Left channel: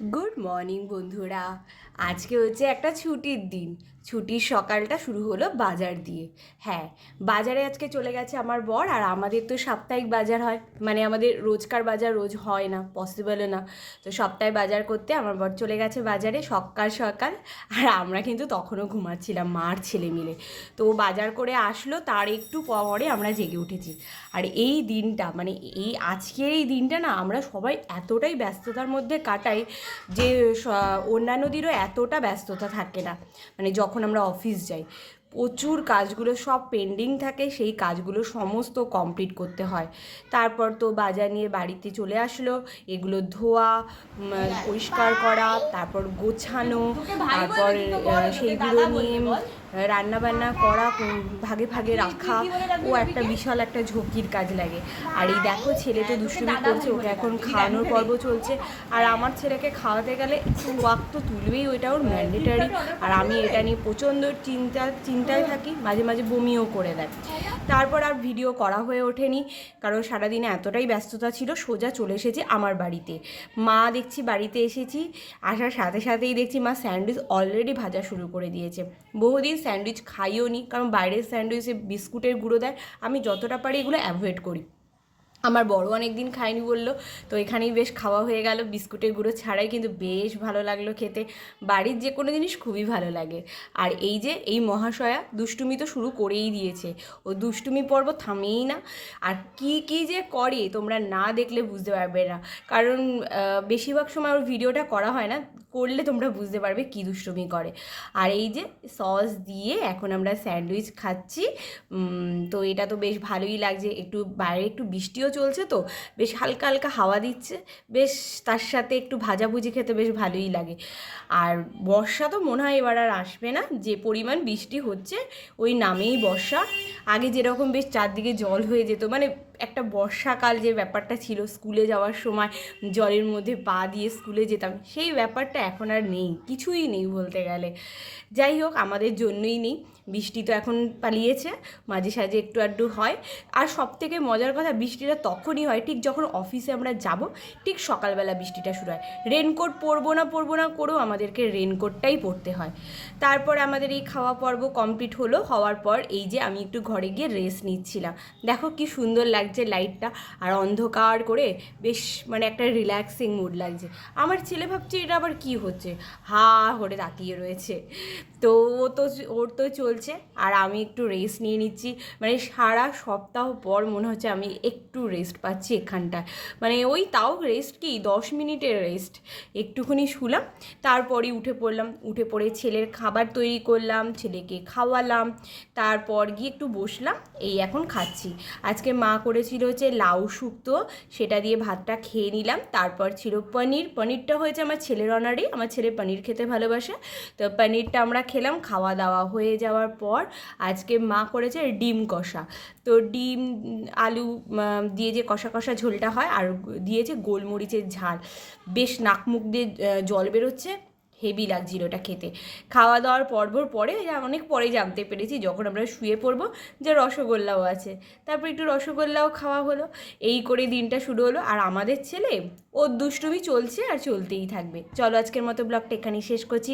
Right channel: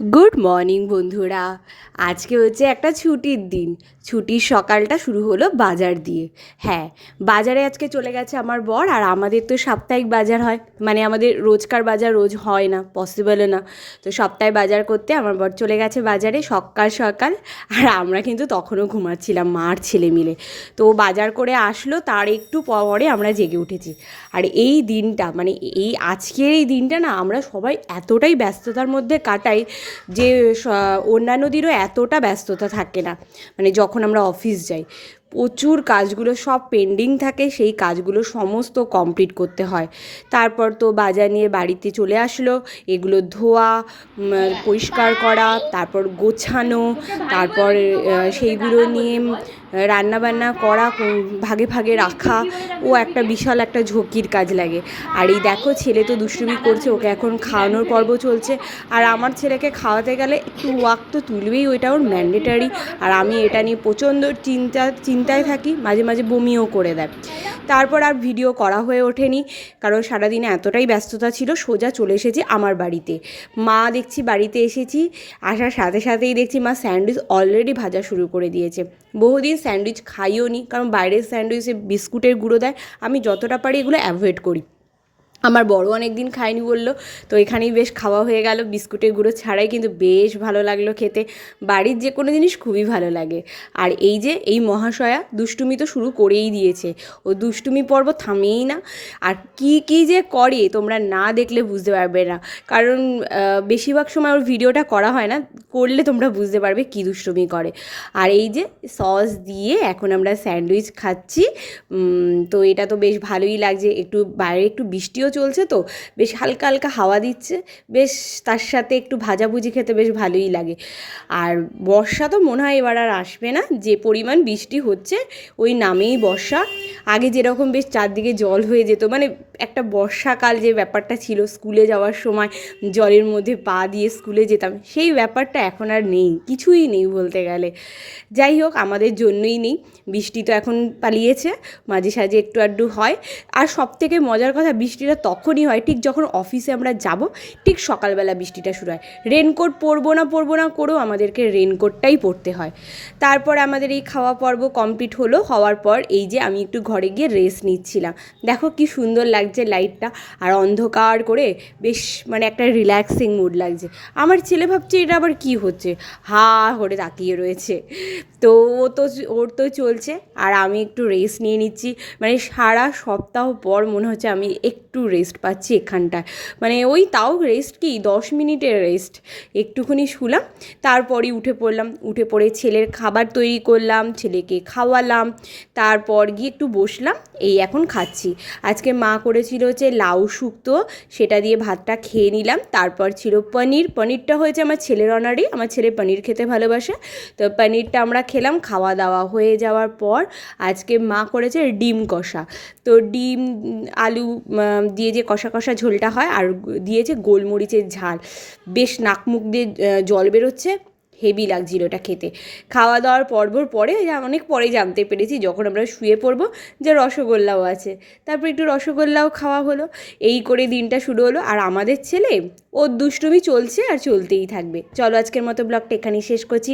Good morning বন্ধুরা। আজকে হচ্ছে একটা ছুটির দিন। ছুটির সকালটা শুরু হলো বাজার দিয়ে। হ্যাঁ, বাজারে আজকে চলে গেছে আমার বর। আর আমাদের তো সাপ্তাহিক বাজার হয়, মানে আমাদের রোজকার বাজার রোজ হয় না, পসিবলও না। তো সপ্তাহে বাজার করতে আমার বর চলে গেছে বাজারে সকাল সকাল। আর আমরা কিন্তু তখনও ঘুমাচ্ছিলাম, মা আর ছেলে মিলে। তো বাজার করে আসলো, তার একটু পরে আমরা জেগে উঠেছি। আর এই দিনটা, মানে এই আজকের এই দিনটা না, আমরা সবাই এতটাই ব্যস্ততার মধ্যে কাটাই যে অন্যান্য দিনও এতটা ব্যস্ততা থাকে না। মানে যখন আমরা অফিস যাই, প্রচুর কাজগুলো সব পেন্ডিং থাকে, সেই কাজগুলো সমস্ত কমপ্লিট করতে হয়। তারপর তো বাজার নিয়ে বাড়িতে চলে আসলো, এগুলো ধোয়া, পরিষ্কার করা, তারপর গোছানো, তারপর সেইগুলো নিয়ে রান্নাবান্না করা, ভাগে ভাগে রাখা, ও একটা বিশাল একটা ঝক্কির কাজ লাগে। আর এই দেখো, ছেলে তো দুষ্টুমি করছে, ওকে এখন খাওয়ানোর পর্ব চলছে। আর আমার ছেলেকে খাওয়াতে গেলে একটু ওয়াক তো তুলবেই, ওইটা ওর ম্যান্ডেটারি। আর আমি এটা নিয়ে প্রচণ্ড চিন্তায় থাকি, মাঝে মাঝে বমিও করে দেয়। তারপর আর ভিডিও করা হয়ে ওঠেনি, কারণ সারাদিনে এতটাই ব্যস্ততা ছিল। সোজা চলে এসেছি আমার বাড়িতে। মা দেখছি বাড়িতে এসেছি, আসার সাথে সাথেই দেখছি মা স্যান্ডউইচ অলরেডি ভাজা শুরু করে দিয়েছে। বহুদিন স্যান্ডউইচ খাইও নি, কারণ বাইরের স্যান্ডউইচে বিস্কুটের গুঁড়ো দেয়। আমি যতটা পারি এগুলো অ্যাভয়েড করি। আমার বড় অনেক দিন খায়নি বললো, তো এখানেই বেশ খাওয়া হয়ে গেল বিস্কুটের গুঁড়ো ছাড়াই, কিন্তু বেশ ভালো লাগলো খেতে। বাড়ির যে কোনো জিনিস খুবই ভালো লাগে। আর এই যে এই মহাশয়া দুষ্টুমি তো শুরু করেই দিয়েছে, ও দুষ্টুমি পর্ব থামেই না। আর কি কি যে করে তোমরা না দেখলে বুঝতে পারবে না, কারণ বেশিরভাগ সময় ওর ভিডিওটা করা হয় না, করলে তোমরা বুঝতে পারবে কী দুষ্টুমি করে। আর এই যে সস দিয়ে এখন আমরা স্যান্ডউইচ খাচ্ছি। তো এটা তো বেশ ভালোই লাগছে, একটু বাইরে একটু বৃষ্টিও চলছে, তো বেশ হালকা হালকা হাওয়া দিচ্ছে, বেশ তার সাথে একটু ভাজাভুজি খেতে বেশ ভালোই লাগে। আর বর্ষা তো মনে হয় এবার আর আসবে না, যে পরিমাণ বৃষ্টি হচ্ছে ওই নামেই বর্ষা। আগে যেরকম বেশ চারদিকে জল হয়ে যেত, মানে একটা বর্ষাকাল যে ব্যাপারটা ছিল, স্কুলে যাওয়ার সময় জলের মধ্যে পা দিয়ে স্কুলে যেতাম, সেই ব্যাপারটা এখন আর নেই, কিছুই নেই বলতে গেলে। যাই হোক, আমাদের জন্যই নেই, বৃষ্টি তো এখন পালিয়েছে, মাঝে সাঝে একটু আধটু হয়। আর সবথেকে মজার কথা, বৃষ্টিটা তখনই হয় ঠিক যখন অফিসে আমরা যাব, ঠিক সকালবেলা বৃষ্টিটা শুরু হয়। রেনকোট পরবো না করেও আমাদেরকে রেনকোটটাই পরতে হয়। তারপর আমাদের এই খাওয়া পর্ব কমপ্লিট হলো, হওয়ার পর এই যে আমি একটু ঘরে গিয়ে রেস্ট নিচ্ছিলাম। দেখো কি সুন্দর লাগছে লাইটটা, আর অন্ধকার করে বেশ মানে একটা রিল্যাক্সিং মুড লাগছে। আমার ছেলে ভাবছে এটা আবার কি হচ্ছে, হা করে তাকিয়ে রয়েছে। তো ওর তো চলছে, আর আমি একটু রেস্ট নিয়ে নিচ্ছি। মানে সারা সপ্তাহ পর মনে হচ্ছে আমি একটু রেস্ট পাচ্ছি এখানটায়। মানে ওই তাও রেস্ট কি, 10 মিনিটের রেস্ট। একটুখানি শুলাম, তারপরই উঠে পড়লাম। উঠে পড়ে ছেলের খাবার তৈরি করলাম, ছেলেকে খাওয়ালাম, তারপর গিয়ে একটু বসলাম, এই এখন খাচ্ছি। আজকে মা করেছিল হচ্ছে লাউ শুক্তো, সেটা দিয়ে ভাতটা খেয়ে নিলাম। তারপর ছিল পনিরটা হয়েছে আমার ছেলের অনারই, আমার ছেলে পনির খেতে ভালোবাসে। তো পনিরটা আমরা খেলাম। খাওয়া দাওয়া হয়ে যাওয়ার পর আজকে মা করেছে ডিম কষা। তো ডিম আলু দিয়ে যে কষা কষা ঝোলটা হয়, আর দিয়েছে গোলমরিচের ঝাল, বেশ নাক মুখ দিয়ে জল বেরোচ্ছে, হেভি লাগছিল ওটা খেতে। খাওয়া দাওয়ার পরে অনেক পরে জানতে পেরেছি, যখন আমরা শুয়ে পড়বো, যে রসগোল্লাও আছে। তারপর একটু রসগোল্লাও খাওয়া হলো। এই করে দিনটা শুরু হলো। আর আমাদের ছেলে, ওর দুষ্টুমি চলছে আর চলতেই থাকবে। চলো আজকের মতো ব্লগটা এখানেই শেষ করছি।